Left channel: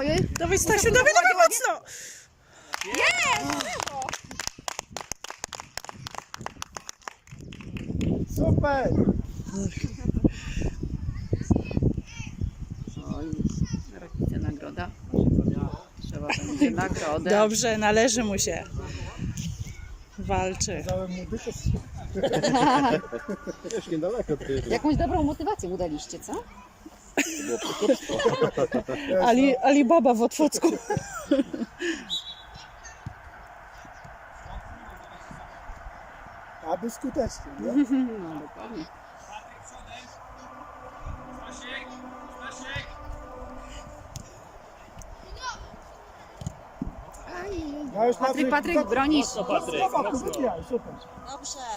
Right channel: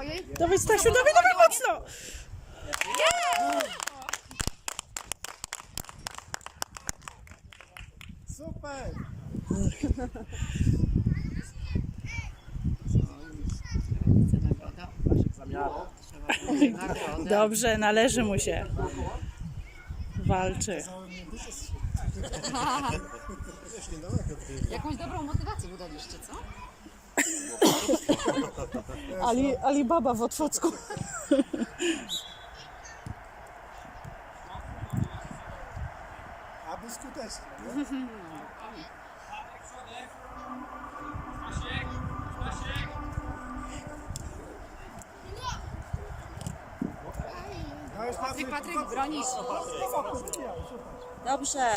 Ojej. Dawaj Stasiu, dawaj, dawaj mocno! Super! Rodzice nagroda. Trzeba będzie nagrodę. Dobrze, należy mu się. Walczy. Niedaleko ty. Jakąś dobrą motywację mu daliście, co? Ali, Alibaba w Otwocku. Aby skutecznie, nie? No już Patryk, Patryk, bronisz. Super. Dobrze.